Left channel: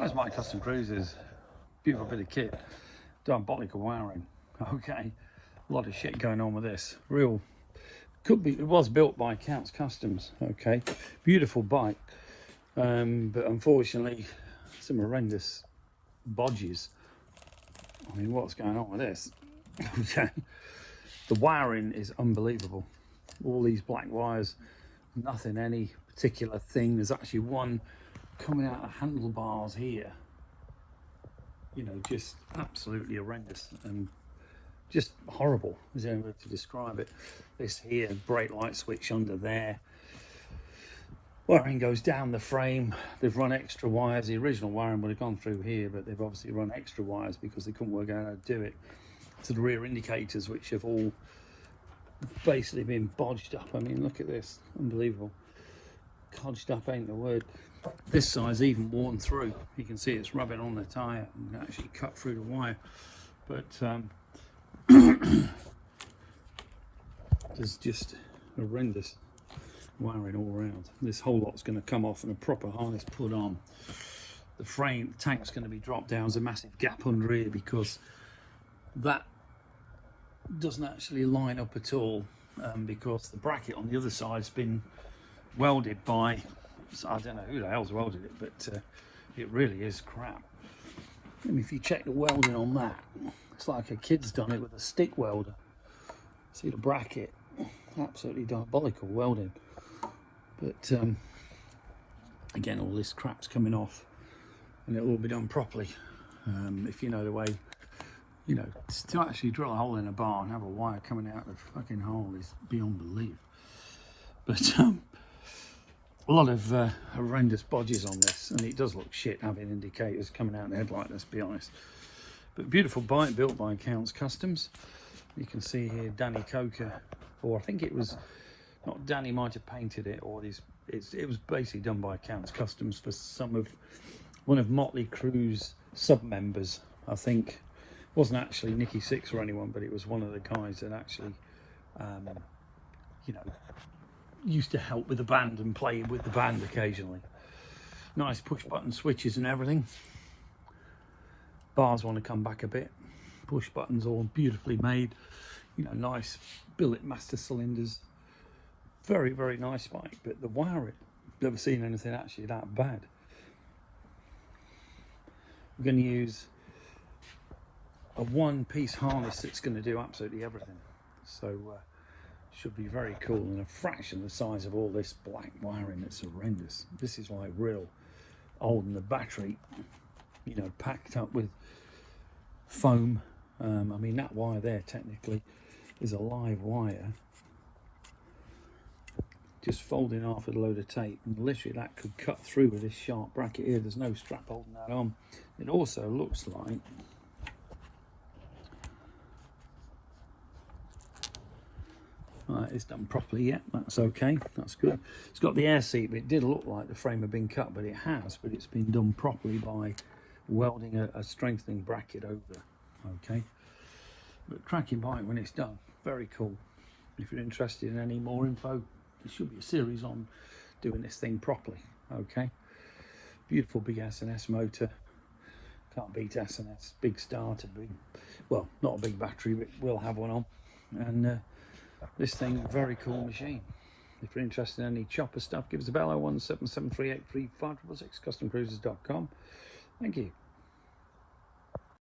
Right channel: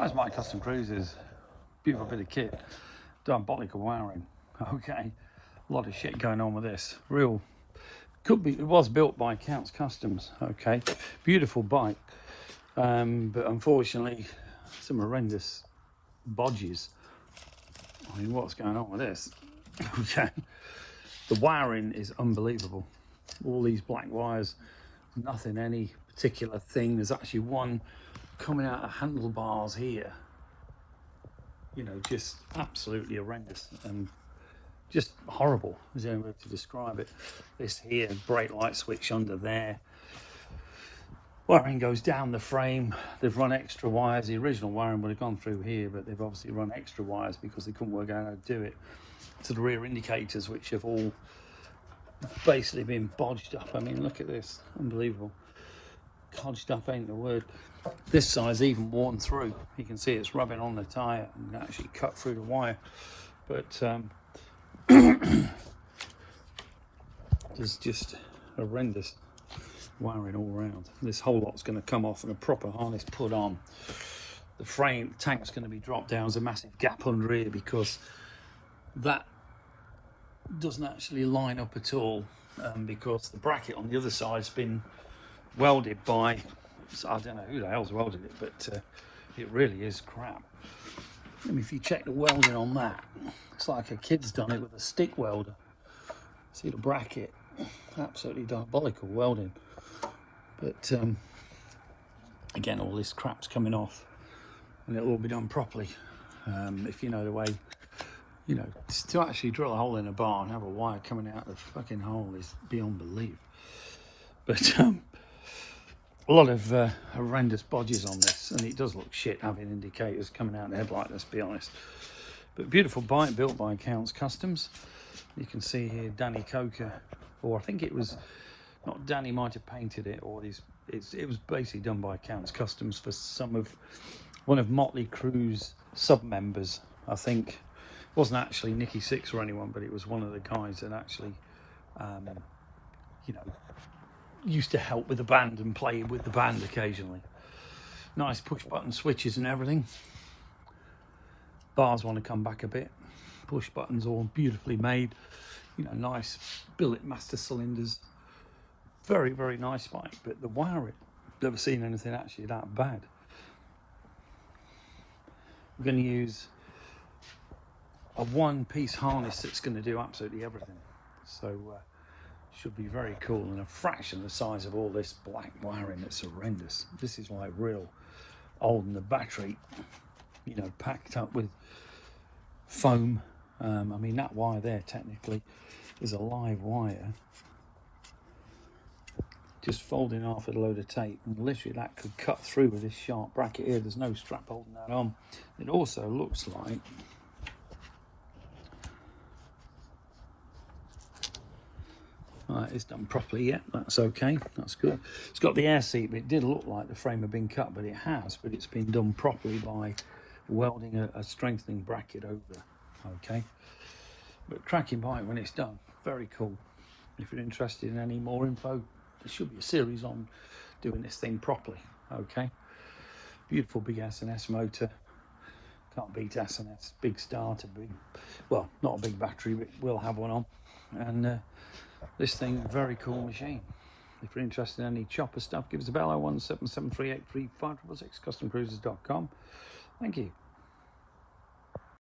Guys, my custom cruises, beautiful bit of kit, diabolical wiring. Okay, a lot of shit going on with this. Real, could be, it was built by Counts Customs. Okay, beautiful bike, but unfortunately, some horrendous bodges. I mean, what's going on with this? Okay, the wiring is unbelievable. All these black wires, nothing any particular thing. There's actually one coming out of handlebars here, you know, just absolutely horrendous and just horrible is the only way to describe it. This here brake light switch under there, wiring goes down the frame. They've run extra wires. The original wiring would have gone through here, but they've obviously run extra wires because they couldn't work out how to do it, to the rear indicators, which have all basically been bodged up. I mean, look at this, unbelievable. Codged up ain't the word. This side's even worn through. You can see it's rubbing on the tyre and actually cut through the wire. But there's just horrendous wiring all around. This whole lot's going to come off and a proper harness put on. The frame, the tank's going to be dropped down. There's a massive gap under here because that doesn't actually line up at all, because the bracket on the other side's been welded by, I don't know who the hell's welded it, but it really is crap. I mean, if you check the welding on that, it's like a kid's done it with a stick welder. See the bracket, absolutely diabolical welding. But again, all this crap's coming off and it'll all be done properly. If you know the way, you know, to actually drill a hole in a bar and have a wire coming out of the fucking hole is beyond belief. But a lot of horrendous bodges on this, and it does look shit having indicators coming out the headlight, let's be honest. But beautiful bike built by Counts Customs. You can see here Danny Coker, or I think it was, not Danny, might have painted it, or it was basically done by Counts Customs for one of Motley Crue's sub-members. I think it wasn't actually Nicky Six or anyone, but it was one of the guys that actually, you know, used to help with the band and play with the band occasionally. Nice push button switches and everything. Bars want to come back a bit. Push buttons all beautifully made. You know, nice billet master cylinders. Very, very nice bike, but the wiring, never seen anything actually that bad. We're going to use a one-piece harness that's going to do absolutely everything. So should be very cool, and a fraction of the size of all this black wiring that's horrendous. This is like real old, and the battery, you know, packed up with foam. I mean, that wire there technically is a live wire, just folding off with a load of tape, and literally that could cut through with this sharp bracket here. There's no strap holding that on. It also looks like, it's done properly yet, that's okay, that's good. It's got the air seat, but it did look like the frame had been cut, but it has, but it's been done properly by welding a strengthening bracket over, okay. But cracking bike when it's done, very cool. If you're interested in any more info, there should be a series on doing this thing properly, okay. Beautiful big S&S motor, can't beat S&S, big starter, big, well, not a big battery, but we'll have one on, and this thing, very cool machine. If you're interested in any chopper stuff, give us a bell, 01773835666, customcruises.com. Thank you.